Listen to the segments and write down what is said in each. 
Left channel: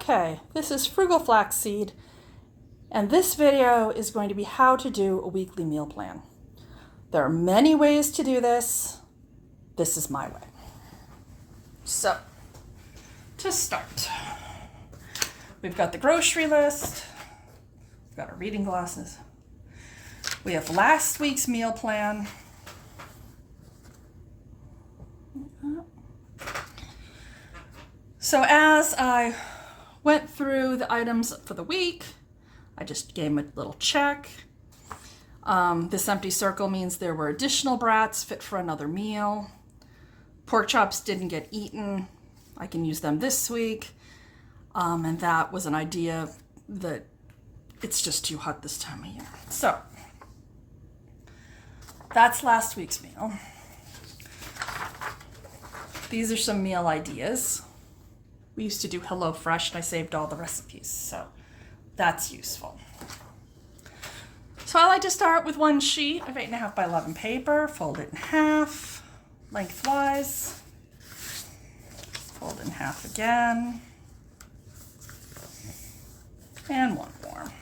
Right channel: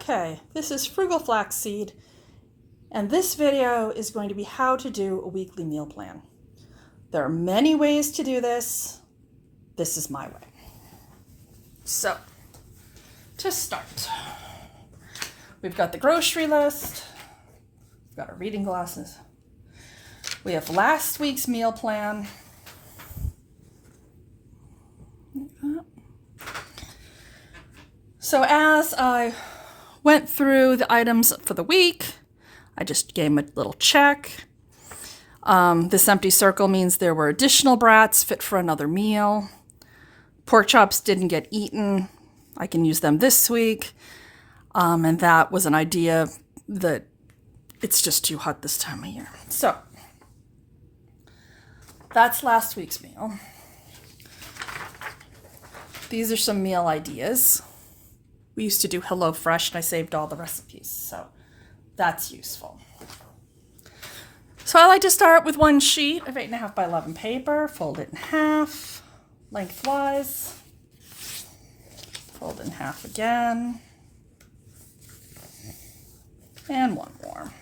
Okay, this is Frugal Flaxseed, and this video is going to be how to do a weekly meal plan. There are many ways to do this. This is my way. So, to start, we've got the grocery list, we've got our reading glasses, we have last week's meal plan, so as I went through the items for the week, I just gave them a little check. This empty circle means there were additional brats fit for another meal. Pork chops didn't get eaten. I can use them this week. And that was an idea that it's just too hot this time of year. So that's last week's meal. These are some meal ideas. We used to do HelloFresh and I saved all the recipes, so that's useful. So I like to start with one sheet of 8.5 by 11 paper, fold it in half, lengthwise, fold it in half again, and one more.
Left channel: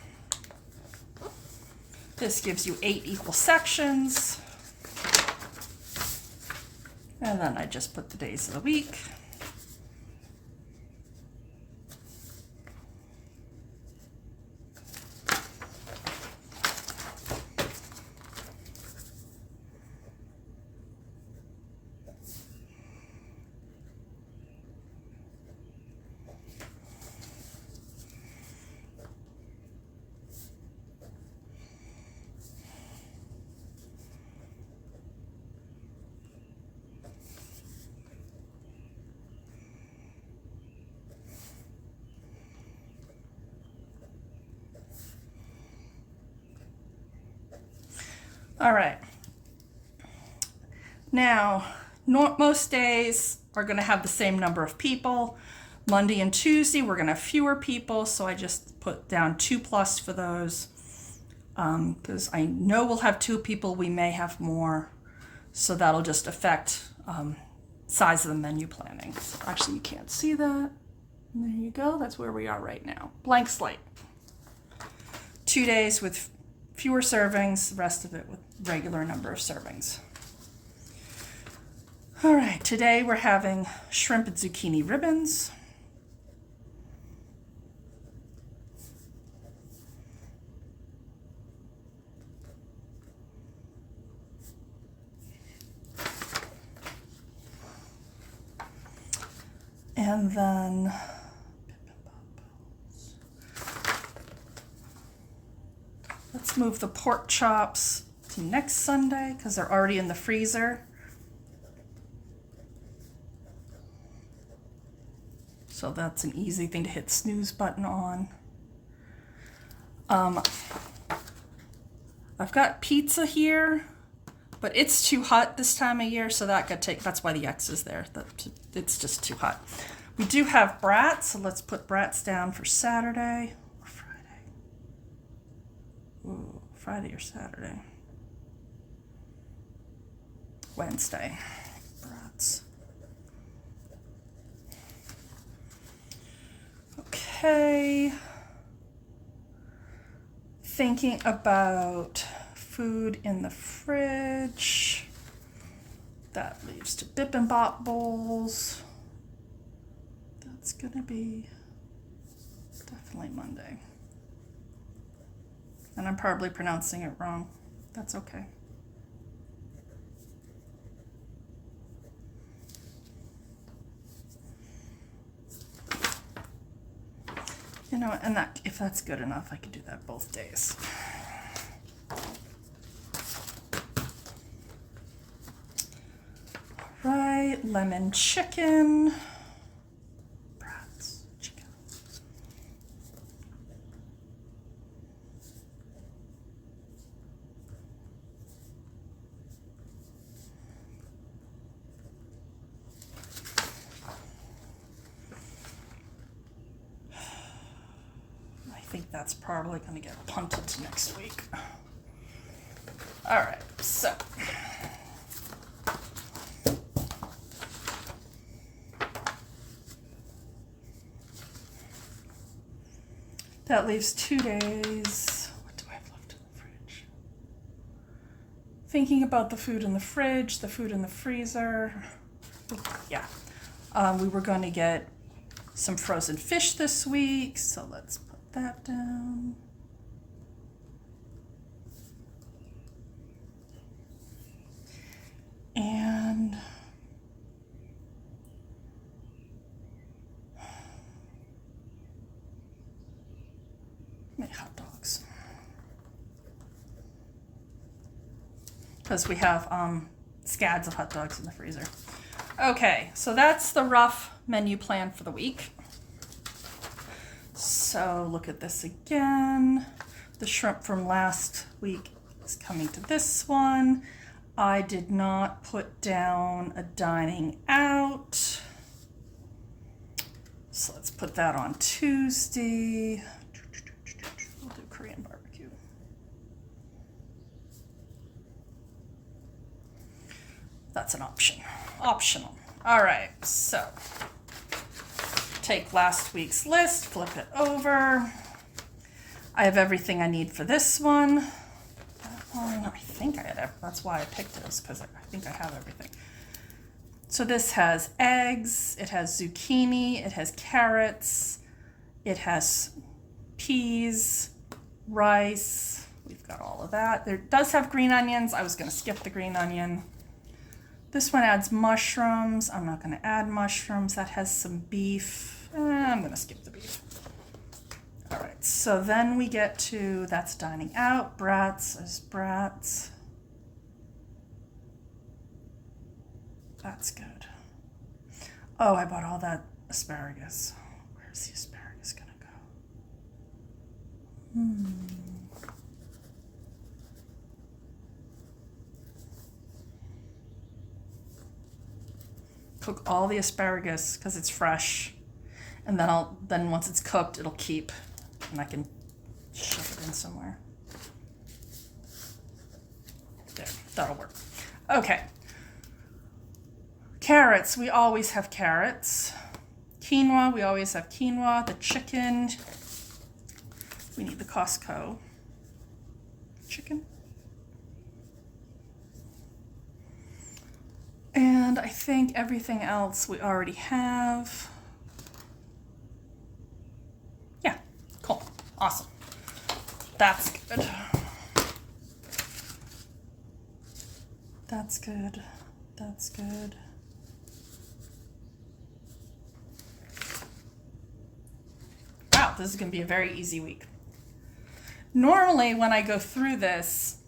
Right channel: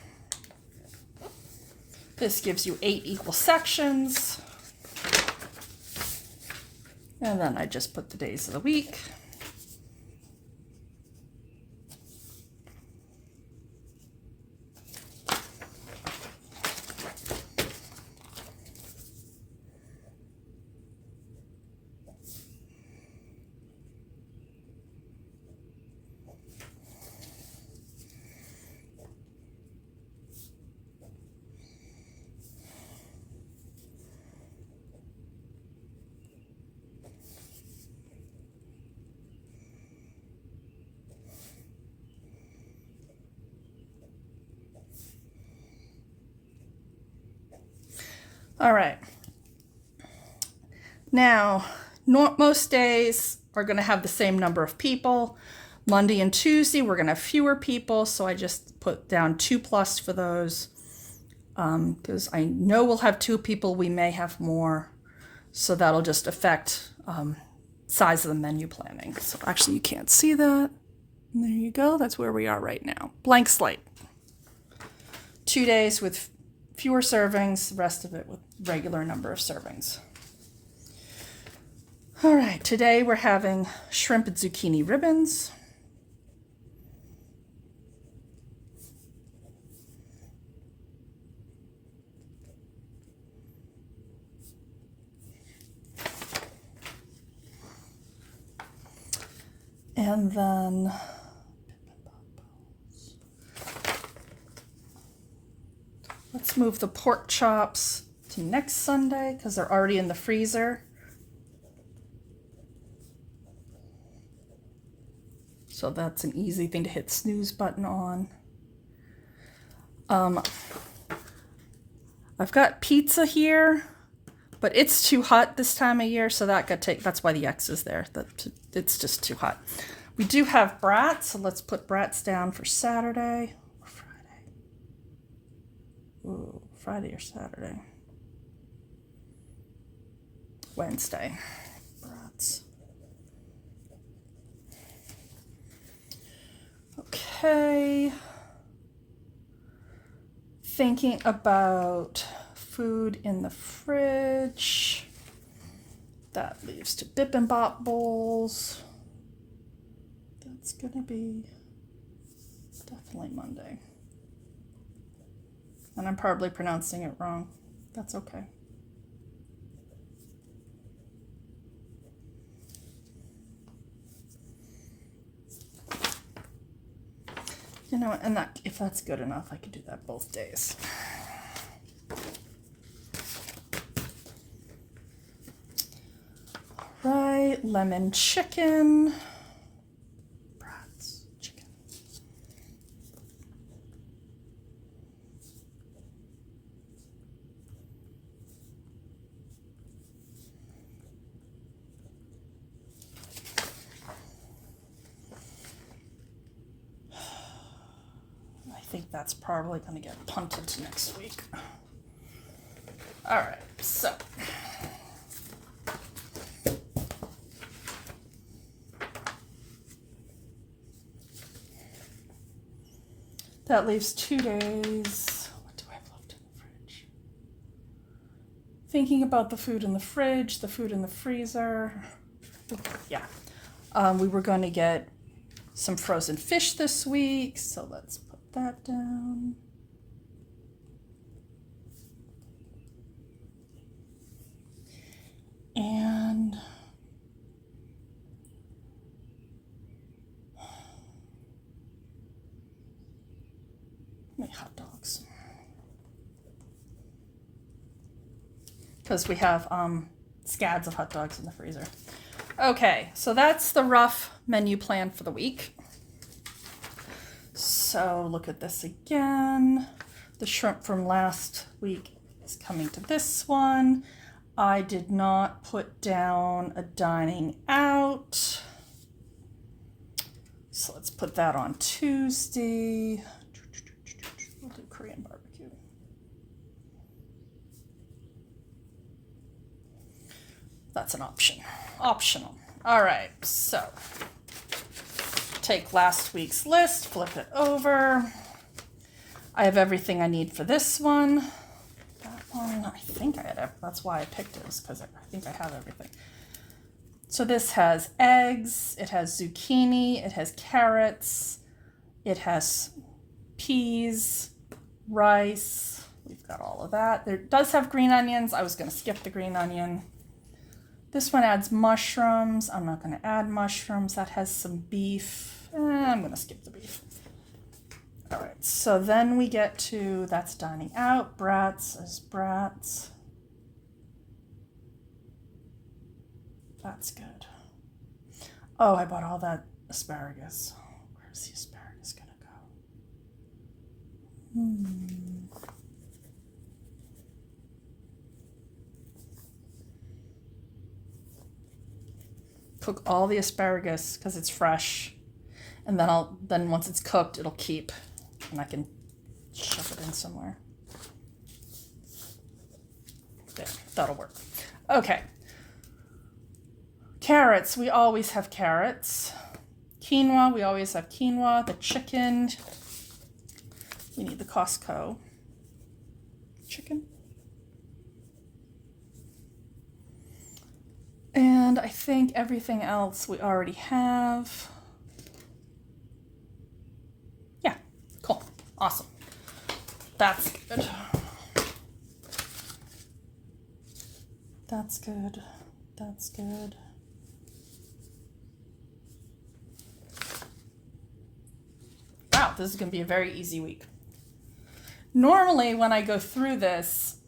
This gives you 8 equal sections, and then I just put the days of the week. All right. Now, most days are going to have the same number of people. Monday and Tuesday, we're going to have fewer people, so I just put down 2+ for those. Because I know we'll have 2 people, we may have more. So that'll just affect size of the menu planning. So actually, you can't see that. And there you go. That's where we are right now. Blank slate. 2 days with fewer servings, the rest of it with regular number of servings. All right, today we're having shrimp and zucchini ribbons. And then let's move the pork chops to next Sunday because they're already in the freezer. So that's an easy thing to hit snooze button on. I've got pizza here, but it's too hot this time of year, so that's why the X is there. It's just too hot. We do have brats, so let's put brats down for Saturday or Friday. Ooh, Friday or Saturday. Wednesday. Brats. Okay. Thinking about food in the fridge. That leaves to Bip and Bop bowls. That's gonna be definitely Monday. And I'm probably pronouncing it wrong. That's okay. You know, and if that's good enough, I could do that both days. Right, lemon chicken. Brats, chicken. I think that's probably going to get punted to next week. All right, so That leaves 2 days. What do I have left in the fridge? Thinking about the food in the fridge, the food in the freezer. Yeah. We were going to get some frozen fish this week, so let's put that down. And make hot dogs. Because we have scads of hot dogs in the freezer. Okay, so that's the rough menu plan for the week. So look at this again. The shrimp from last week is coming to this one. I did not put down a dining out. So let's put that on Tuesday. We'll do Korean barbecue. That's an option. Optional. All right, so take last week's list, flip it over. I have everything I need for this one. That one, I think I had, that's why I picked this, because I think I have everything. So this has eggs, it has zucchini, it has carrots, it has peas, rice. We've got all of that. There does have green onions. I was going to skip the green onion. This one adds mushrooms. I'm not going to add mushrooms. That has some beef. I'm going to skip the beef. All right, so then we get to, that's dining out. Brats is brats. That's good. Oh, I bought all that asparagus. Where's the asparagus going to go? Cook all the asparagus because it's fresh, and then once it's cooked, it'll keep, and I can shove it in somewhere. There, that'll work. Okay. Carrots, we always have carrots. Quinoa, we always have quinoa. The chicken, we need the Costco chicken. And I think everything else we already have. Yeah, cool, awesome. That's good. That's good, that's good. Wow, this is gonna be a very easy week. Normally when I go through this,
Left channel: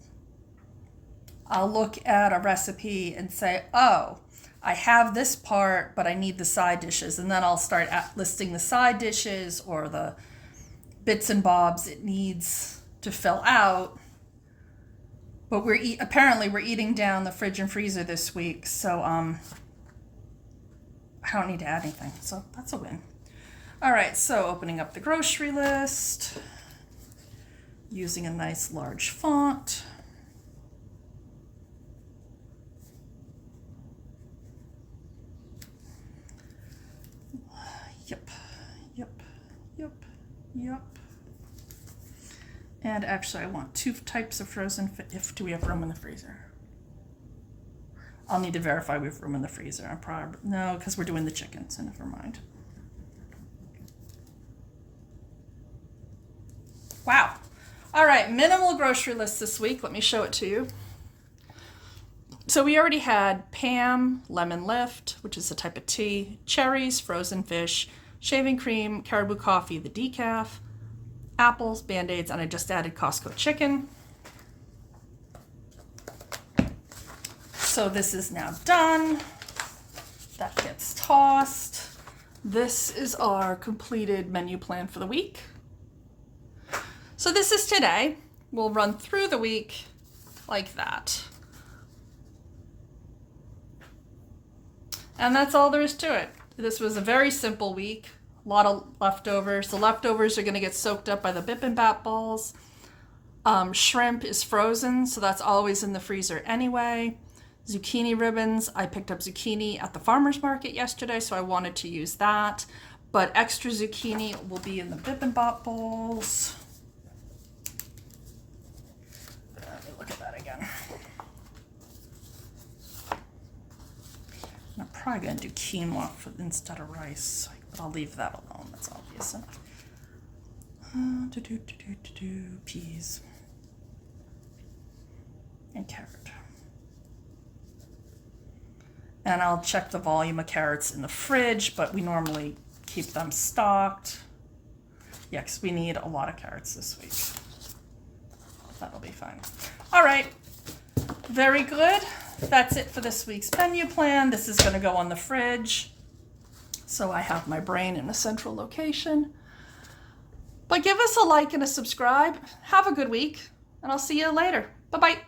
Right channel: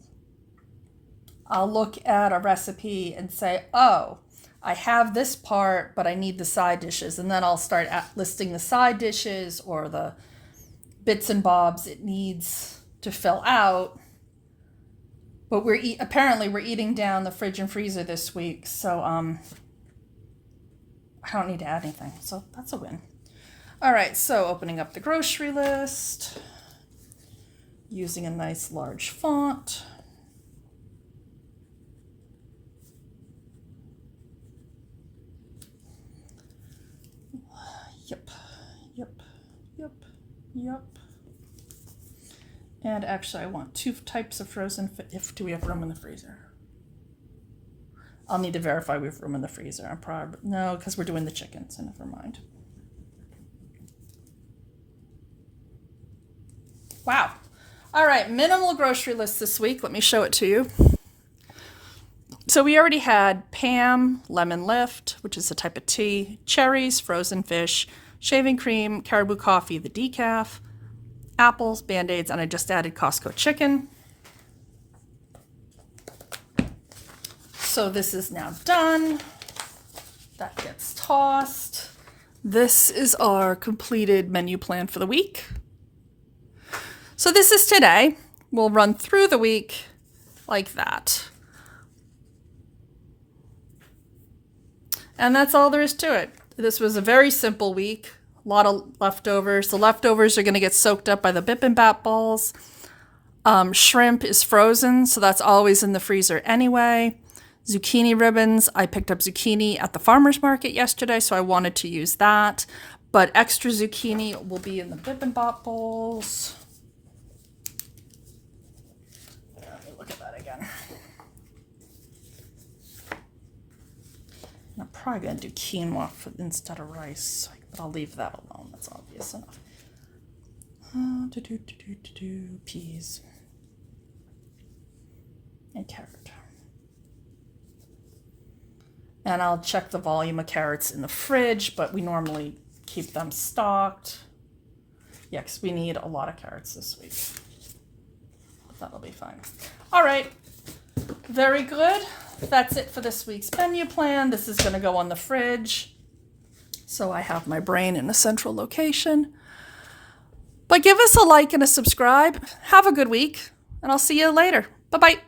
I'll look at a recipe and say, oh, I have this part, but I need the side dishes. And then I'll start listing the side dishes or the bits and bobs it needs to fill out. But apparently we're eating down the fridge and freezer this week. So I don't need to add anything. So that's a win. All right, so opening up the grocery list, using a nice large font. Yep. And actually I want 2 types of frozen fish. Do we have room in the freezer? I'll need to verify we have room in the freezer. I'm probably, no, because we're doing the chicken, so never mind. Wow. All right, minimal grocery list this week. Let me show it to you. So we already had Pam, lemon lift, which is a type of tea, cherries, frozen fish, shaving cream, caribou coffee, the decaf, apples, Band-Aids, and I just added Costco chicken. So this is now done. That gets tossed. This is our completed menu plan for the week. So this is today. We'll run through the week like that. And that's all there is to it. This was a very simple week. A lot of leftovers. The leftovers are going to get soaked up by the bibimbap balls. Shrimp is frozen, so that's always in the freezer anyway. Zucchini ribbons. I picked up zucchini at the farmer's market yesterday, so I wanted to use that. But extra zucchini will be in the Bib and Bop bowls. Let me look at that again. I'm probably going to do quinoa instead of rice, but I'll leave that alone. That's obvious enough. Peas and carrot. And I'll check the volume of carrots in the fridge, but we normally keep them stocked. Yeah, because we need a lot of carrots this week. That'll be fine. All right, very good. That's it for this week's menu plan. This is going to go on the fridge, so I have my brain in a central location. But give us a like and a subscribe. Have a good week, and I'll see you later. Bye-bye.